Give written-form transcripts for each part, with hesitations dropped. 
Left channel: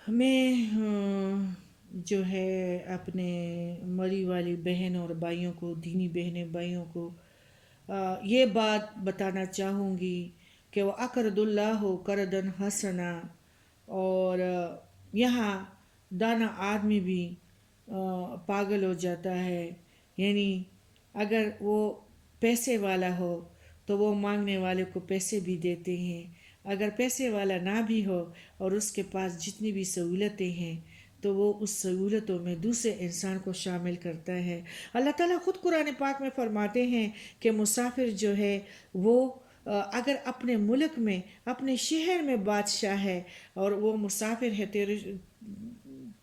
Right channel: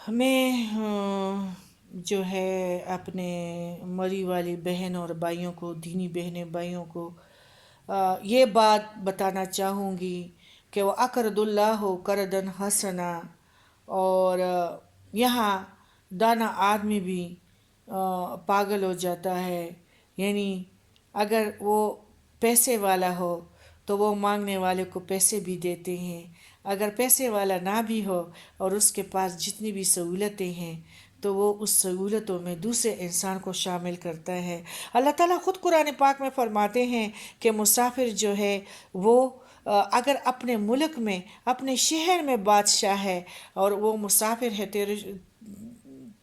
ہمیں جو ہے اپنے مری والی بہن اور بھائیوں کو، دینی بہنیں بھائیوں کو یہ بات بتانا چاہوں گی کہ وہ اقرض اللہ قرضا حسنا، اور یہاں دانا آدمی بھی پاگل ہو جاتا ہے. یعنی اگر وہ پیسے والا ہو تو وہ مانگنے والے کو پیسے بھی دیتے ہیں، اگر پیسے والا نہ بھی ہو اور اس کے پاس جتنی بھی سہولتیں ہیں تو وہ اس سہولتوں میں دوسرے انسان کو شامل کرتا ہے. اللہ تعالیٰ خود قرآن پاک میں فرماتے ہیں کہ مسافر جو ہے وہ اگر اپنے ملک میں، اپنے شہر میں بادشاہ ہے اور وہ مسافر ہے،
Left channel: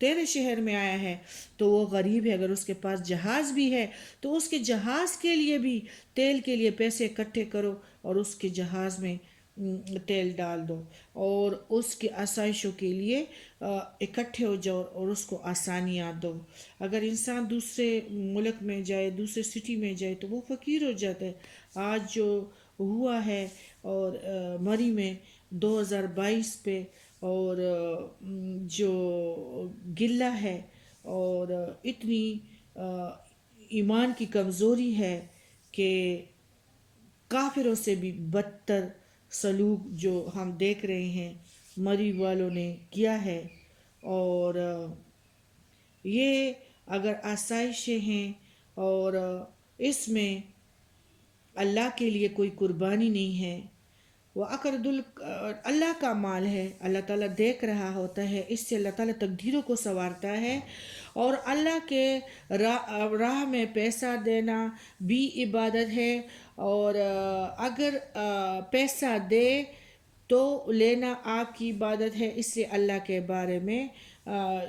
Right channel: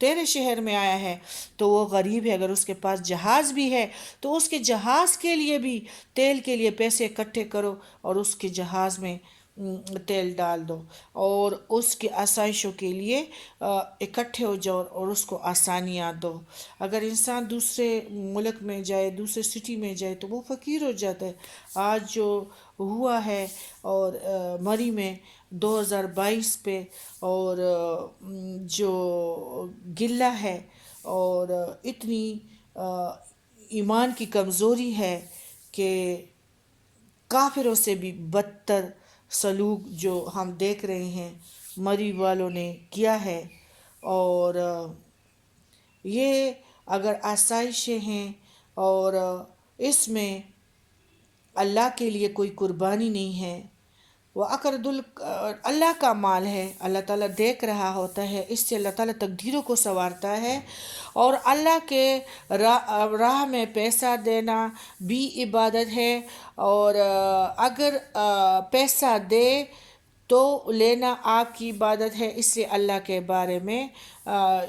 تیرے شہر میں آیا ہے تو وہ غریب ہے. اگر اس کے پاس جہاز بھی ہے تو اس کے جہاز کے لیے بھی تیل کے لیے پیسے اکٹھے کرو اور اس کے جہاز میں تیل ڈال دو، اور اس کے آسائشوں کے لیے اکٹھے ہو جاؤ اور اس کو آسانیاں دو. اگر انسان دوسرے ملک میں جائے، دوسرے سٹی میں جائے تو وہ فقیر ہو جاتا ہے. آج جو ہوا ہے اور مری میں 2022 پہ، اور جو گلہ ہے اور اتنی ایمان کی کمزوری ہے کہ کافروں سے بھی بدتر سلوک جو ہم دیکھ رہے ہیں مری والوں نے کیا ہے. اور یہ اگر آسائشیں ہیں اور اس میں اللہ کے لیے کوئی قربانی نہیں ہے، وہ اللہ کا مال ہے، اللہ تعالیٰ دیکھ رہا ہوتا ہے، اس سے اللہ تعالیٰ تقدیروں کو سنوارتا ہے. اور اللہ کے راہ میں پیسہ دینا بھی عبادت ہے، اور اگر پیسہ دے تو لینا آپ کی عبادت ہے. اس لیے اللہ کے بارے میں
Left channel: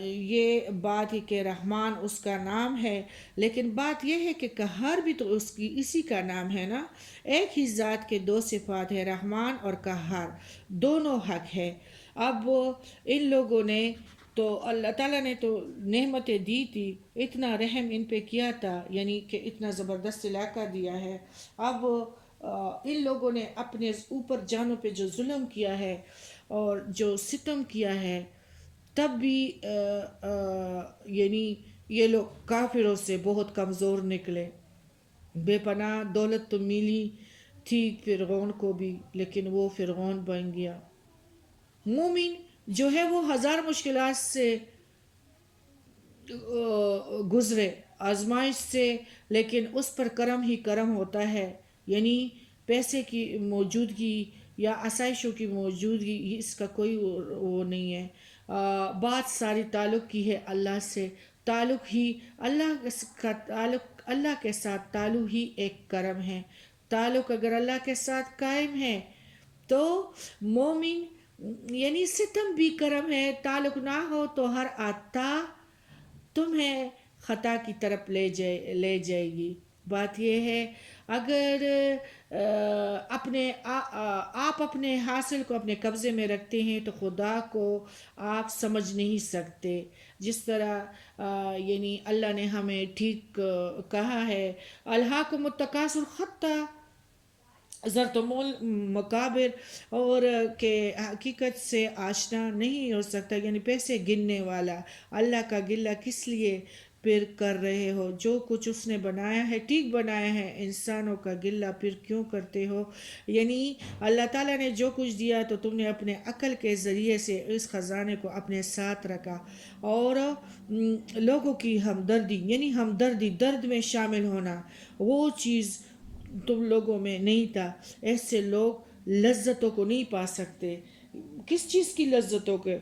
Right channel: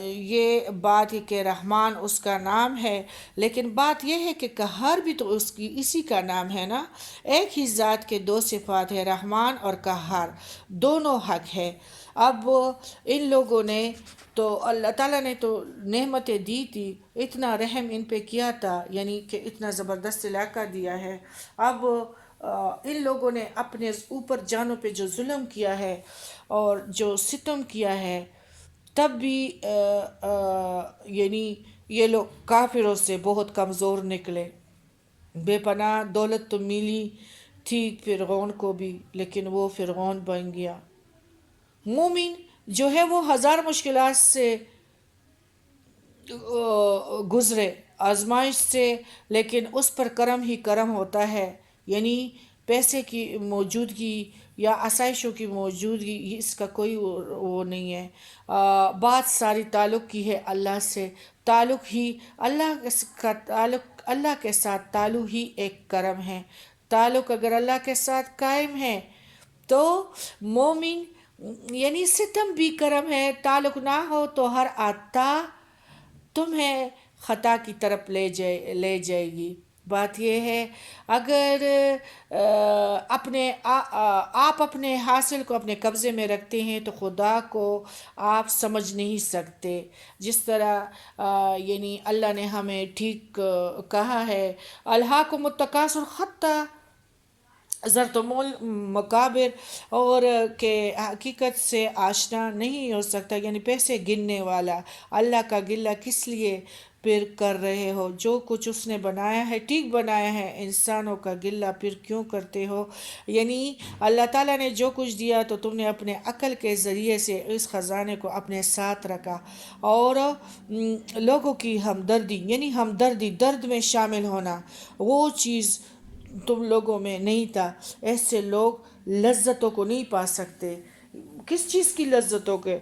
یہ بات ہے کہ رحمان اس کا نام ہے، لیکن بات یہ ہے کہ قہار بھی تو اسی کا نام ہے نا. ایک ہی ذات کے دو صفات ہے، رحمان اور قہار، دونوں حق ہے. اب ان لوگوں نے تو اللہ تعالیٰ نے تو نعمتیں دی تھی، اتنا رحم ان پہ کیا تھا، یعنی کہ اتنا زبردست علاقہ دیا ہے. اب ان لوگوں نے اپنے اوپر جانوں پہ جو ظلم کیا ہے اور جو ستم کیا ہے، تب بھی یعنی یہ لوگ کافروں سے بہت کمزور نکلے. بے پناہ دولت تو ملی تھی فرعون کو بھی، لیکن وہ فرعون بن گیا. مومن جو ہے وہ ہزار مشکلات سے گزرے، آزمائش سے، لیکن اس پر کرم ہی کرم ہوتا ہے. یعنی پیسے کی موجودگی یا آسائشوں کی موجودگی، اس کا کوئی وہ نہیں ہے. بات ساری تعلق کی ہے اللہ سے. تعلق ہی اللہ کے ساتھ تعلق ہی ایک کرم ہے. تعلق اگر اللہ کے ساتھ قائم ہے تو مومن، یعنی ستم بھی کرم ہے. تعلق نہ ہو تو ہر عطا تمہیں خطا کی طرف لے جائے گی. بات یہ ہے اگر آپ اپنے حاصل کو اپنے قبضے میں رکھتے ہیں تو خدا کو آپ سمجھ نہیں سکتے. جس طرح یعنی اللہ نے ہمیں ٹھیک کہا ہے، الہاکم التکاثر حتی زرتم المقابر، اور کہ حقیقت سے آشنا نہیں ہو سکتا. یعنی پیسے گننے والا. اللہ کا گلہ کس لیے پھر کر رہے ہو؟ جو کچھ اس نے بنایا ہے ٹھیک بنایا ہے، انسانوں کا گلہ پھر کیوں کرتے ہو؟ یعنی اللہ تعالیٰ نے جو کچھ دیا تو تم نے اپنے عقل کے ذریعے سے اس خزانے کو اپنے ساتھ رکھا. اور لوگوں کی ہمدردی، یعنی ہمدردی، درد میں شامل ہونا، وہ چیز تم لوگوں میں نہیں تھا. ایسے لوگ لذتوں کو نہیں پا سکتے. کس چیز کی لذتوں کے؟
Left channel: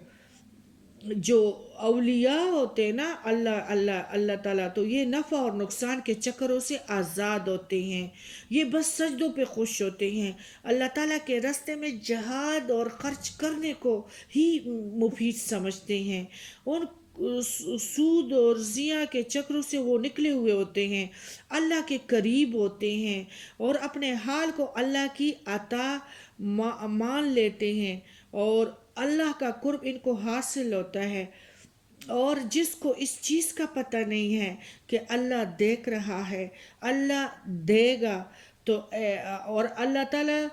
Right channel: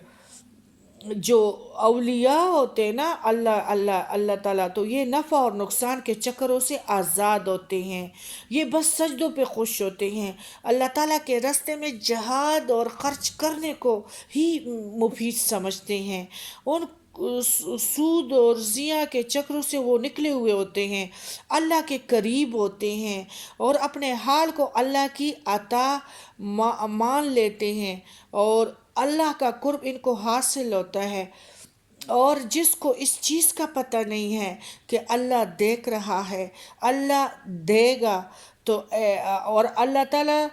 جو اولیاء ہوتے ہیں نا، اللہ تعالیٰ، تو یہ نفع اور نقصان کے چکروں سے آزاد ہوتے ہیں. یہ بس سجدوں پہ خوش ہوتے ہیں. اللہ تعالیٰ کے راستے میں جہاد اور خرچ کرنے کو ہی مفید سمجھتے ہیں. ان سود اور زیاں کے چکروں سے وہ نکلے ہوئے ہوتے ہیں، اللہ کے قریب ہوتے ہیں اور اپنے حال کو اللہ کی عطا مان لیتے ہیں، اور اللہ کا قرب ان کو حاصل ہوتا ہے. اور جس کو اس چیز کا پتہ نہیں ہے کہ اللہ دیکھ رہا ہے، اللہ دے گا، تو اور اللہ تعالیٰ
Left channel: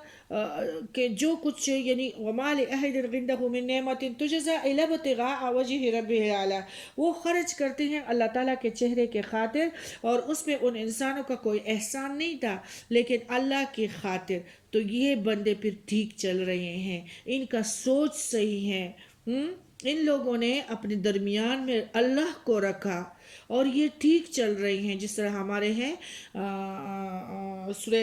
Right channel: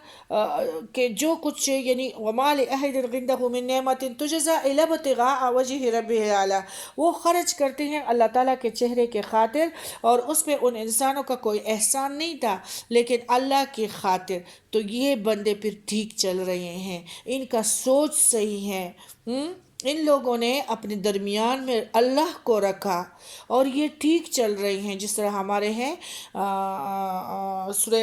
کے جو کچھ یعنی وما لأحد عنده من نعمت تجزى إلا ابتغاء وجه ربه الأعلى، وہ خرچ کرتے ہیں اللہ تعالیٰ کے چہرے کے خاطر، اور اس پہ ان انسانوں کا کوئی احسان نہیں تھا لیکن اللہ کی خاطر. تو یہ بندے پھر ٹھیک چل رہے ہیں، ان کا سوچ صحیح ہے. ان لوگوں نے اپنے درمیان میں اللہ کو رکھا اور یہ ٹھیک چل رہے ہیں. جس طرح ہمارے ہیں سورہ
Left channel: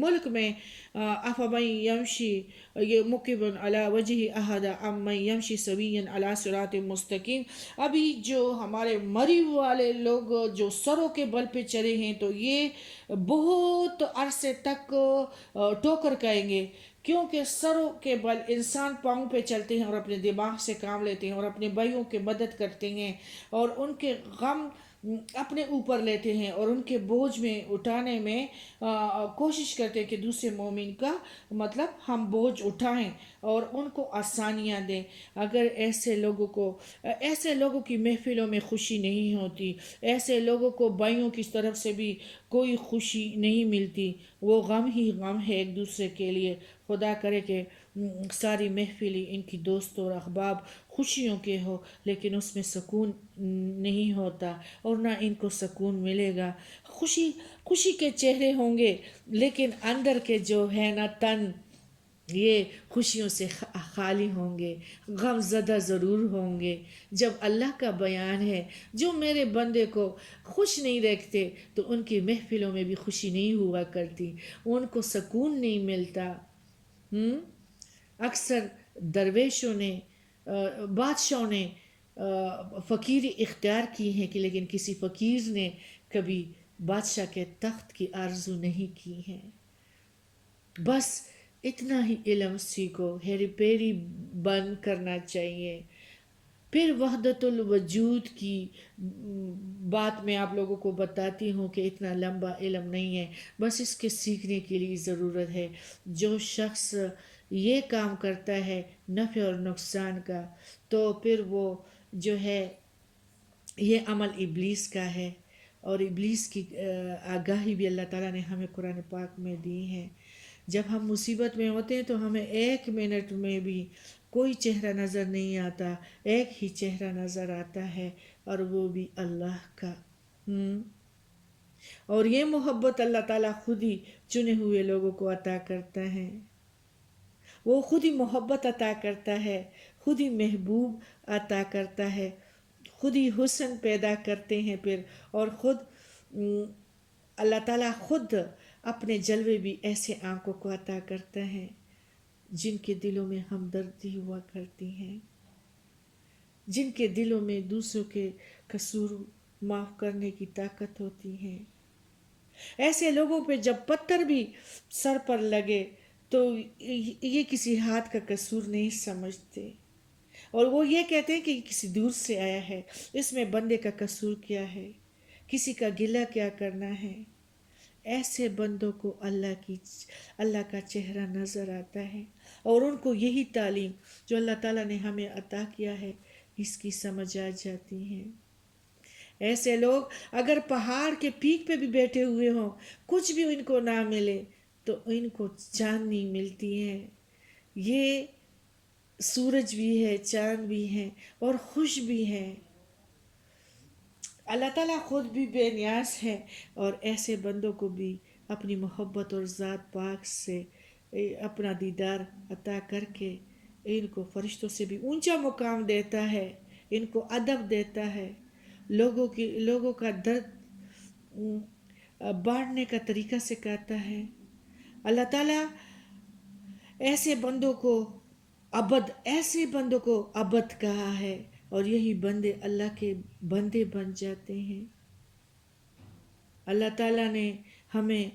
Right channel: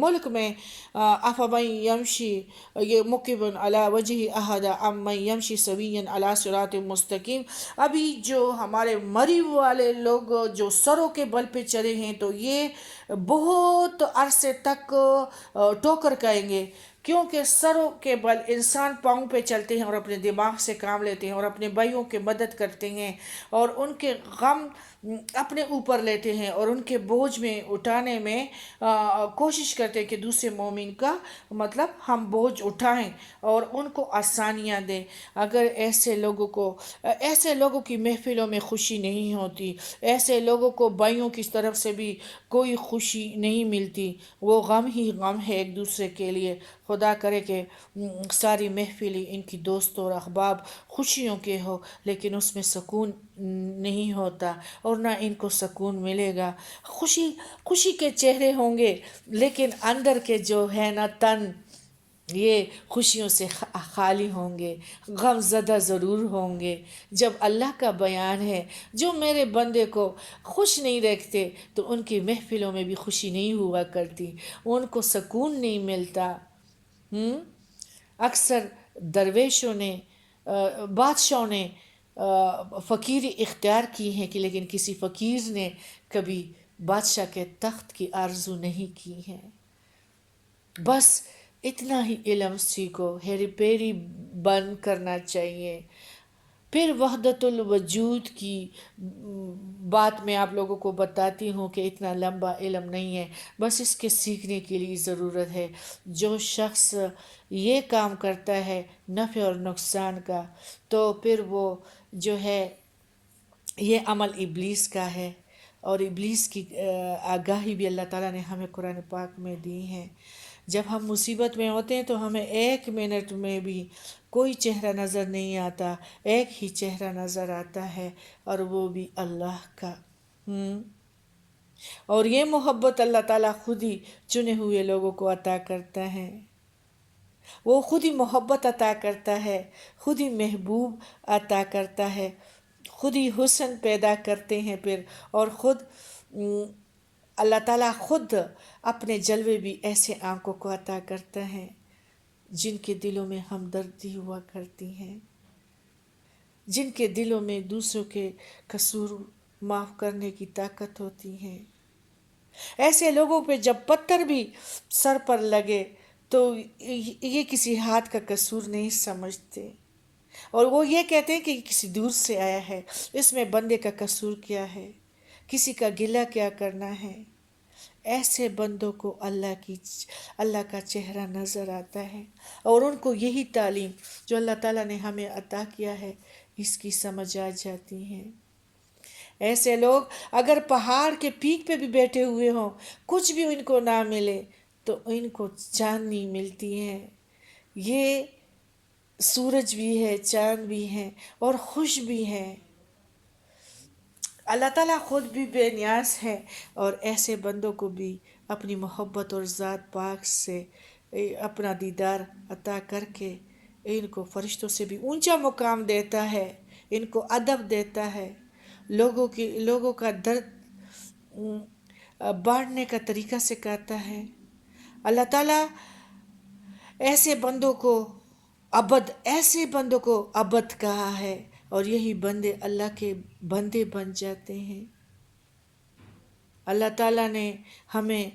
ملک میں افمن یمشی یہ مکبن علی وجہ احد امن یمشی سویا علی صراط مستقیم. ابھی جو ہمارے مری والے لوگ جو سروں کے بل پہ چلے ہیں تو یہ بہت عرصے تک ٹوکر کھائیں گے، کیونکہ سروں کے بل انسان پاؤں پہ چلتے ہیں اور اپنے دماغ سے کام لیتے ہیں اور اپنے بھائیوں کی مدد کرتے ہیں اور ان کے غم اپنے اوپر لیتے ہیں اور ان کے بوجھ میں اٹھانے میں کوشش کرتے ہیں کہ دوسرے مومن کا مطلب ہم بوجھ اٹھائیں اور ان کو آسانیاں دیں. اگر ایسے لوگوں کی محفلوں میں خوشی نہیں ہوتی، ایسے لوگوں کو بھائیوں کی طرف سے بھی کوئی خوشی نہیں ملتی، وہ غم ہی غم ہے ایک دوسرے کے لیے. خدا کرے کہ ساری محفلیں ان کی دوست اور احباب خوشیوں کے ہو، لیکن اس میں سکون نہیں ہوتا اور نہ ان کو سکون ملے گا. خوشی کے چہرے ہوں گے لیکن اندر کے جو ہے نا تن یہ خوشیوں سے خالی ہوں گے، غم زدہ ضرور ہوں گے. جب اللہ کا بیان ہے جو میرے بندے کو خوش نہیں رکھتے تو ان کی محفلوں میں بھی خوشی نہیں ہوا کرتی، ان کو سکون نہیں ملتا. اکثر درویشوں نے بادشاہوں نے فقیری اختیار کی ہے کہ لیکن کسی فقیر نے کبھی بادشاہ کے تخت کی آرزو نہیں کی ہے. بس اتنا ہی علم سیکھو، ہیری پیری بند کرنا چاہیے. پھر وحدت الوجود کی بات میں آپ لوگوں کو بتاتی ہوں کہ اتنا لمبا علم نہیں ہے، بس اس کے سیکھنے کے لیے ضرورت ہے. جو شخص یہ کام کرتا ہے نفع اور نقصان کا تو پھر وہ جو ہے یہ عمل ابلیس کا ہے، اور ابلیس کی آگاہی بھی اللہ تعالیٰ نے ہمیں قرآن پاک میں دی ہے. جب ہم مصیبت میں ہوتے ہیں تو ہمیں 1 منٹ میں بھی کوئی چہرہ نظر نہیں آتا، ایک ہی چہرہ نظر آتا ہے اور وہ بھی اللہ کا. اور یہ محبت اللہ تعالیٰ خود ہی چنے ہوئے لوگوں کو عطا کرتا ہے. وہ خود ہی محبت عطا کرتا ہے، خود ہی محبوب عطا کرتا ہے، خود ہی حسن پیدا کرتے ہیں پھر. اور خود اللہ تعالیٰ خود اپنے جلوے بھی ایسے آنکھوں کو عطا کرتا ہے جن کے دلوں میں ہمدردی ہوا کرتی ہے، جن کے دلوں میں دوسروں کے قصور معاف کرنے کی طاقت ہوتی ہے. ایسے لوگوں پہ جب پتھر بھی سر پر لگے تو یہ کسی ہاتھ کا قصور نہیں سمجھتے، اور وہ یہ کہتے ہیں کہ یہ کسی دور سے آیا ہے، اس میں بندے کا قصور کیا ہے، کسی کا گلہ کیا کرنا ہے. ایسے بندوں کو اللہ کا چہرہ نظر آتا ہے، اور ان کو یہی تعلیم جو اللہ تعالیٰ نے ہمیں عطا کیا ہے اس کی سمجھ آ جاتی ہے. ایسے لوگ اگر پہاڑ کے پیک پہ بھی بیٹھے ہوئے ہوں، کچھ بھی ان کو نہ ملے تو ان کو چاندنی ملتی ہے. یہ سورج بھی ہے، چاند بھی ہے اور خوش بھی ہے. اللہ تعالیٰ خود بھی بے نیاز ہے، اور ایسے بندوں کو بھی اپنی محبت اور ذات پاک سے اپنا دیدار عطا کر کے ان کو فرشتوں سے بھی اونچا مقام دیتا ہے، ان کو ادب دیتا ہے، لوگوں کا درد بانٹنے کا طریقہ سکھاتا ہے. اللہ تعالیٰ ایسے بندوں کو عبد کہا ہے، اور یہی بندے اللہ کے بندے بن جاتے ہیں. اللہ تعالیٰ نے ہمیں